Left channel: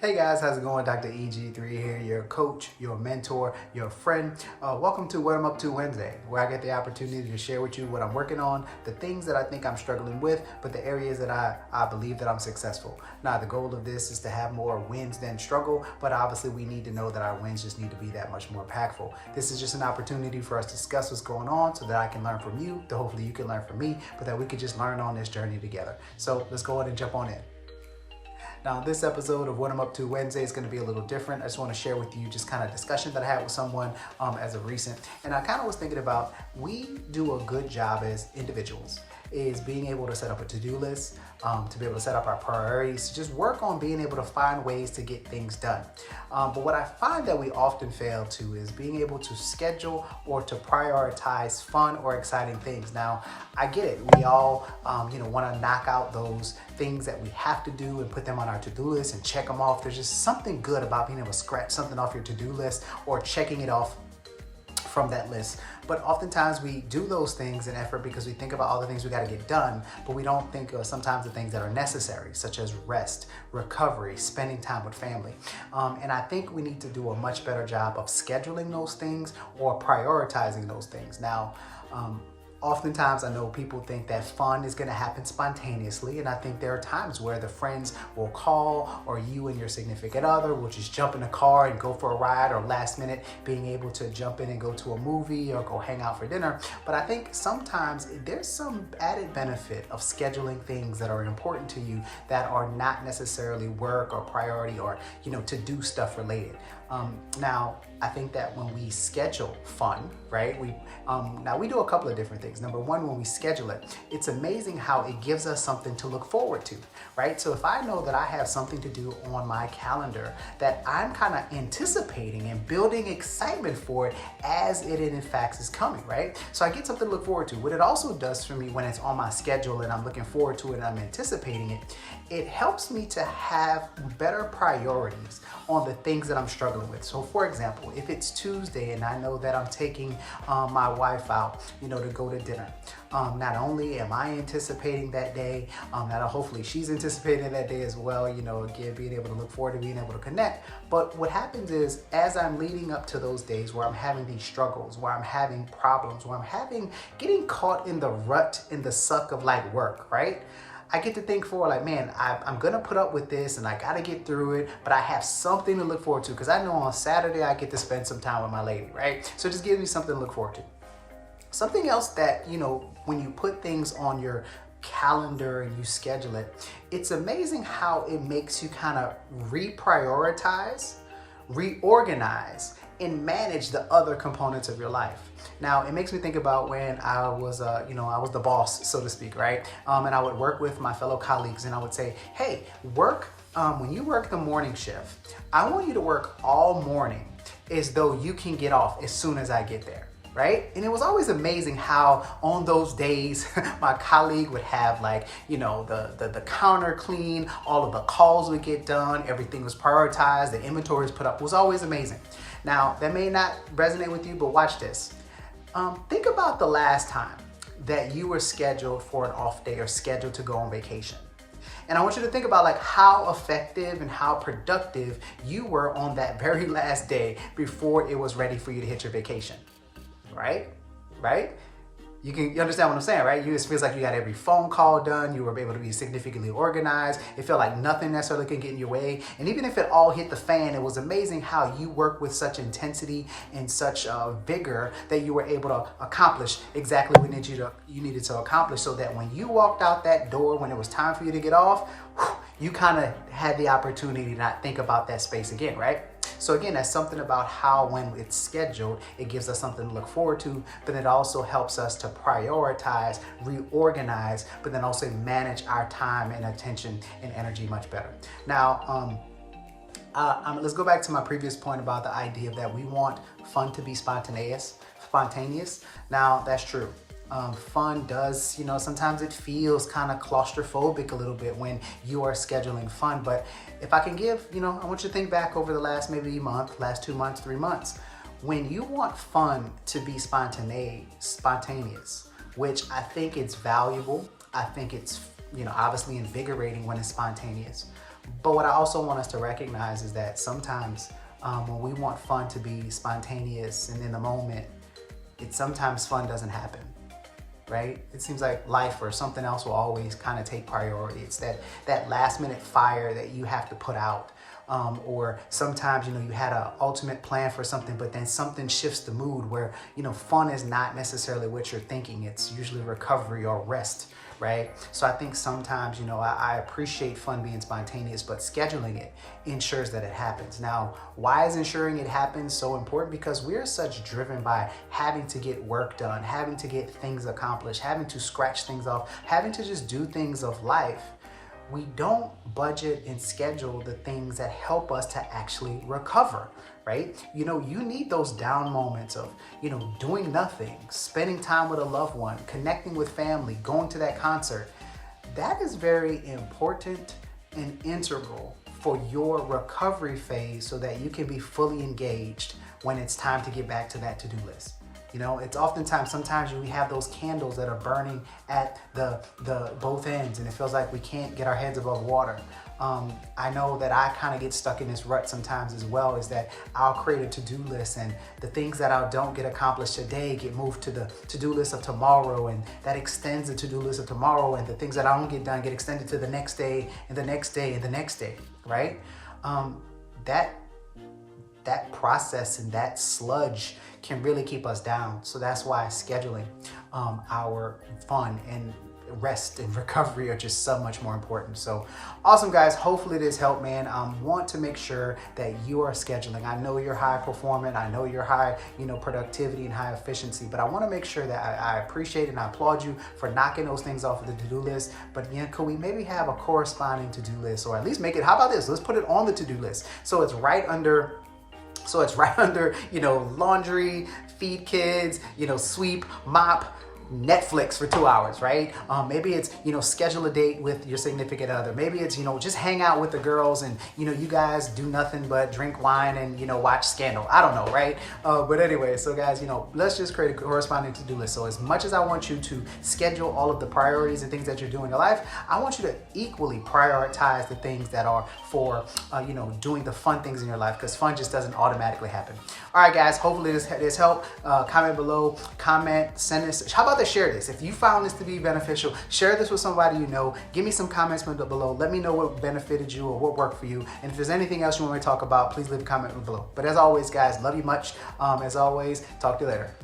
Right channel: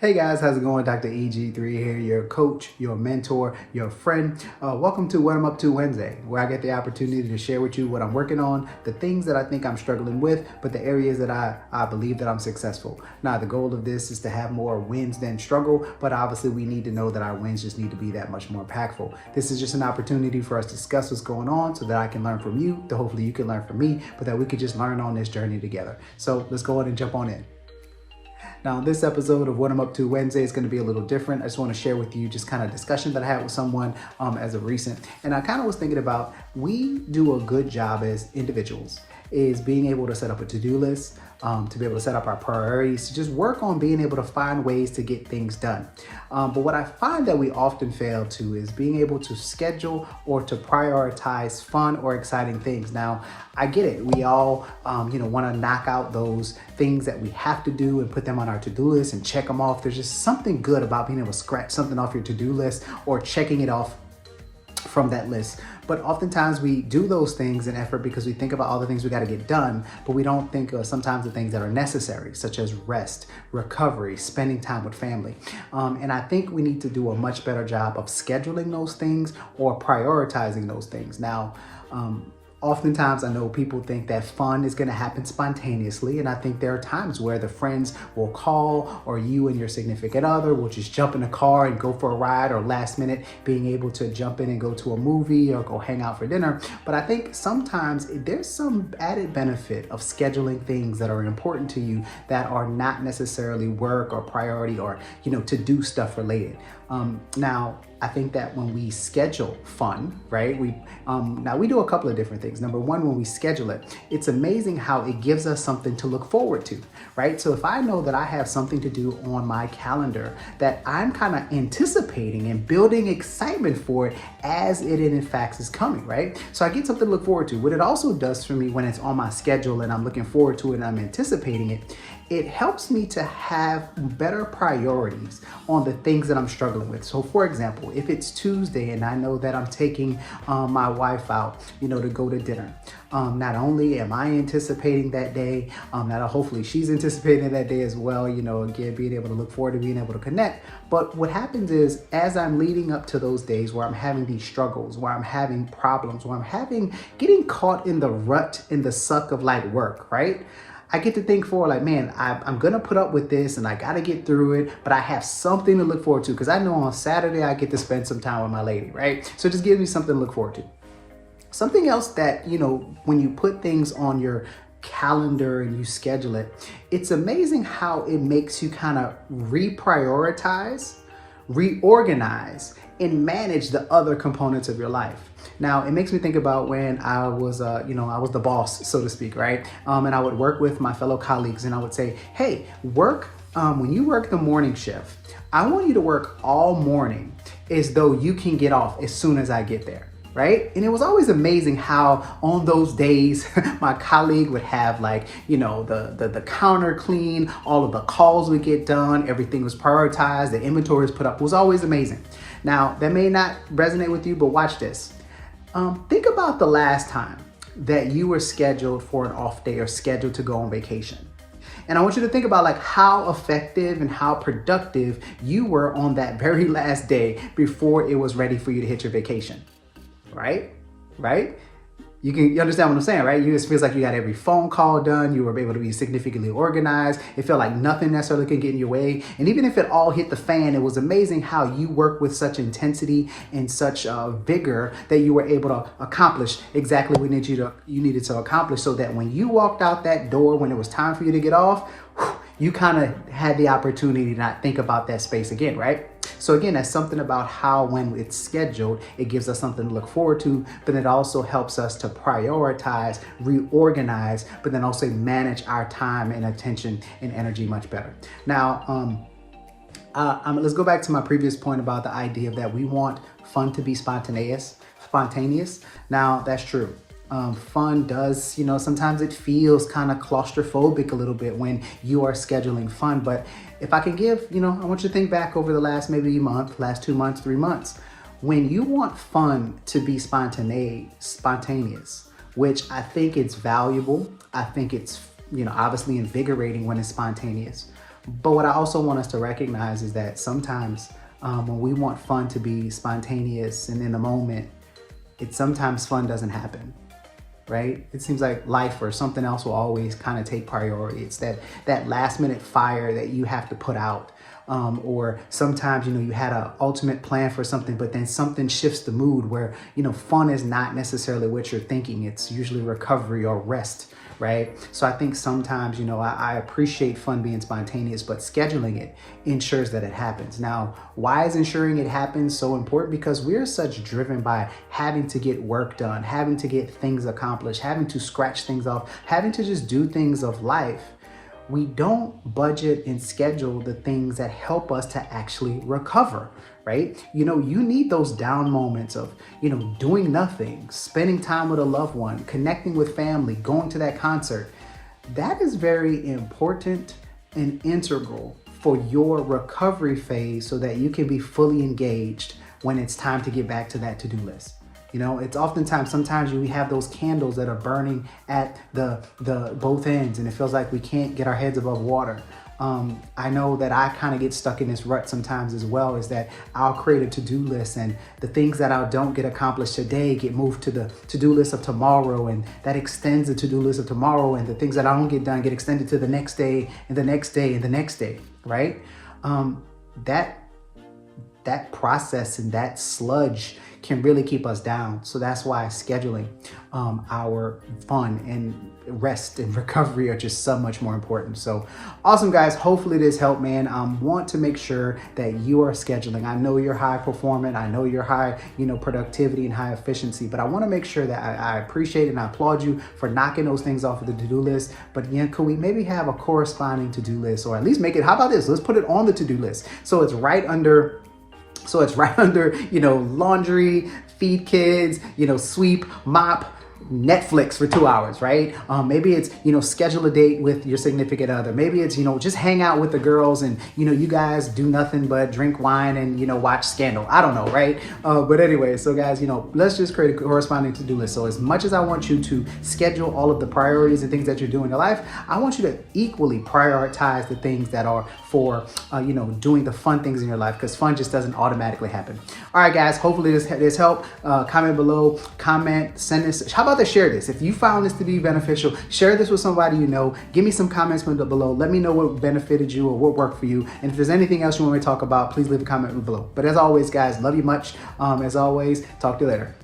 Hey guys, how's it going? Dr. EG3 here, your coach, your mentor, your friend. Welcome to What I'm Up To Wednesday, where I get the opportunity to share with you what I'm working on, the things that I think I'm struggling with, but the areas that I believe that I'm successful. Now, the goal of this is to have more wins than struggle, but obviously we need to know that our wins just need to be that much more impactful. This is just an opportunity for us to discuss what's going on so that I can learn from you, that hopefully you can learn from me, but that we could just learn on this journey together. So let's go ahead and jump on in. Now, this episode of What I'm Up To Wednesday is going to be a little different. I just want to share with you just kind of discussion that I had with someone as of recent. And I kind of was thinking about, we do a good job as individuals is being able to set up a to-do list, to be able to set up our priorities, to just work on being able to find ways to get things done. But what I find that we often fail to is being able to schedule or to prioritize fun or exciting things. Now, I get it. We all, want to knock out those things that we have to do and put them on our to-do list and check them off. There's just something good about being able to scratch something off your to-do list or checking it off from that list. But oftentimes we do those things in effort because we think about all the things we got to get done, but we don't think of sometimes the things that are necessary, such as rest, recovery, spending time with family. And I think we need to do a much better job of scheduling those things or prioritizing those things. Now, oftentimes, I know people think that fun is going to happen spontaneously, and I think there are times where the friends will call, or you and your significant other will just jump in a car and go for a ride, or last minute being able to jump in and go to a movie or go hang out for dinner. But I think sometimes there's some added benefit of scheduling things that are important to you that are not necessarily work or priority or to do stuff related. Now, I think that when we schedule fun, right, we do a couple of different things. Number one, when we schedule it, it's amazing how it gives us something to look forward to, right? So if I know that I have something to do on my calendar that I'm kind of anticipating and building excitement for it as it in fact is coming, right? So I get something to look forward to. What it also does for me when it's on my schedule and I'm looking forward to it and I'm anticipating it, it helps me to have better priorities on the things that I'm struggling with. So for example, if it's Tuesday and I know that I'm taking my wife out, to go to dinner, not only am I anticipating that day, hopefully she's anticipating that day as well, again, being able to look forward to being able to connect. But what happens is, as I'm leading up to those days where I'm having these struggles, where I'm having problems, where I'm getting caught in the rut, in the suck of like work, right? I get to think man, I'm going to put up with this and I got to get through it, but I have something to look forward to because I know on Saturday I get to spend some time with my lady, right? So it just gives me something to look forward to. Something else that, when you put things on your calendar and you schedule it, it's amazing how it makes you kind of reprioritize, reorganize, and manage the other components of your life. Now, it makes me think about when I was, I was the boss, so to speak, right? And I would work with my fellow colleagues and I would say, hey, when you work the morning shift, I want you to work all morning as though you can get off as soon as I get there. Right? And it was always amazing how on those days, my colleague would have the counter clean, all of the calls would get done, everything was prioritized, the inventory was put up. It was always amazing. Now, that may not resonate with you, but watch this. Think about the last time that you were scheduled for an off day or scheduled to go on vacation. And I want you to think about how effective and how productive you were on that very last day before it was ready for you to hit your vacation. Right? You understand what I'm saying, right? It feels like you got every phone call done. You were able to be significantly organized. It felt like nothing necessarily could get in your way. And even if it all hit the fan, it was amazing how you worked with such intensity and such vigor that you were able to accomplish exactly what you needed to accomplish, so that when you walked out that door, when it was time for you to get off, you kind of had the opportunity to not think about that space again, right? So again, that's something about how when it's scheduled, it gives us something to look forward to, but it also helps us to prioritize, reorganize, but then also manage our time and attention and energy much better. Now, let's go back to my previous point about the idea that we want fun to be spontaneous. Now, that's true. Fun does, sometimes it feels kind of claustrophobic a little bit when you are scheduling fun. But if I can give, I want you to think back over the last maybe month, last 2 months, 3 months, when you want fun to be spontaneous, which I think it's valuable. I think it's, obviously invigorating when it's spontaneous. But what I also want us to recognize is that sometimes when we want fun to be spontaneous and in the moment, sometimes fun doesn't happen, right? It seems like life or something else will always kind of take priority. It's that last minute fire that you have to put out. Or sometimes, you had an ultimate plan for something, but then something shifts the mood where, fun is not necessarily what you're thinking. It's usually recovery or rest, right? So I think sometimes, I appreciate fun being spontaneous, but scheduling it ensures that it happens. Now, why is ensuring it happens so important? Because we're such driven by having to get work done, having to get things accomplished, having to scratch things off, having to just do things of life. We don't budget and schedule the things that help us to actually recover, right? You need those down moments of, doing nothing, spending time with a loved one, connecting with family, going to that concert. That is very important and integral for your recovery phase so that you can be fully engaged when it's time to get back to that to-do list. It's oftentimes, sometimes we have those candles that are burning at the both ends and it feels like we can't get our heads above water. I know that I kind of get stuck in this rut sometimes as well, is that I'll create a to-do list and the things that I don't get accomplished today get moved to the to-do list of tomorrow, and that extends the to-do list of tomorrow, and the things that I don't get done get extended to the next day and the next day and the next day, right? That process and that sludge can really keep us down. So that's why scheduling our fun and rest and recovery are just so much more important. So awesome, guys. Hopefully this helped, man. Want to make sure that you are scheduling. I know you're high performing. I know you're high, productivity and high efficiency, but I want to make sure that I appreciate and I applaud you for knocking those things off of the to-do list. But could we maybe have a corresponding to-do list, or at least make it, how about this? Let's put it on the to-do list. So it's right under, laundry, feed kids, sweep, mop, Netflix for 2 hours, right? Maybe it's, schedule a date with your significant other. Maybe it's, just hang out with the girls and, you guys do nothing but drink wine and, watch Scandal. I don't know, right? But anyway, so guys, let's just create a corresponding to-do list. So as much as I want you to schedule all of the priorities and things that you're doing in your life, I want you to equally prioritize the things that are for, doing the fun things in your life, because fun just doesn't automatically happen. All right, guys, hopefully this helped. Comment below, send this. How about share this? If you found this to be beneficial, share this with somebody you know. Give me some comments below. Let me know what benefited you or what worked for you. And if there's anything else you want me to talk about, please leave a comment below. But as always, guys, love you much. As always, talk to you later.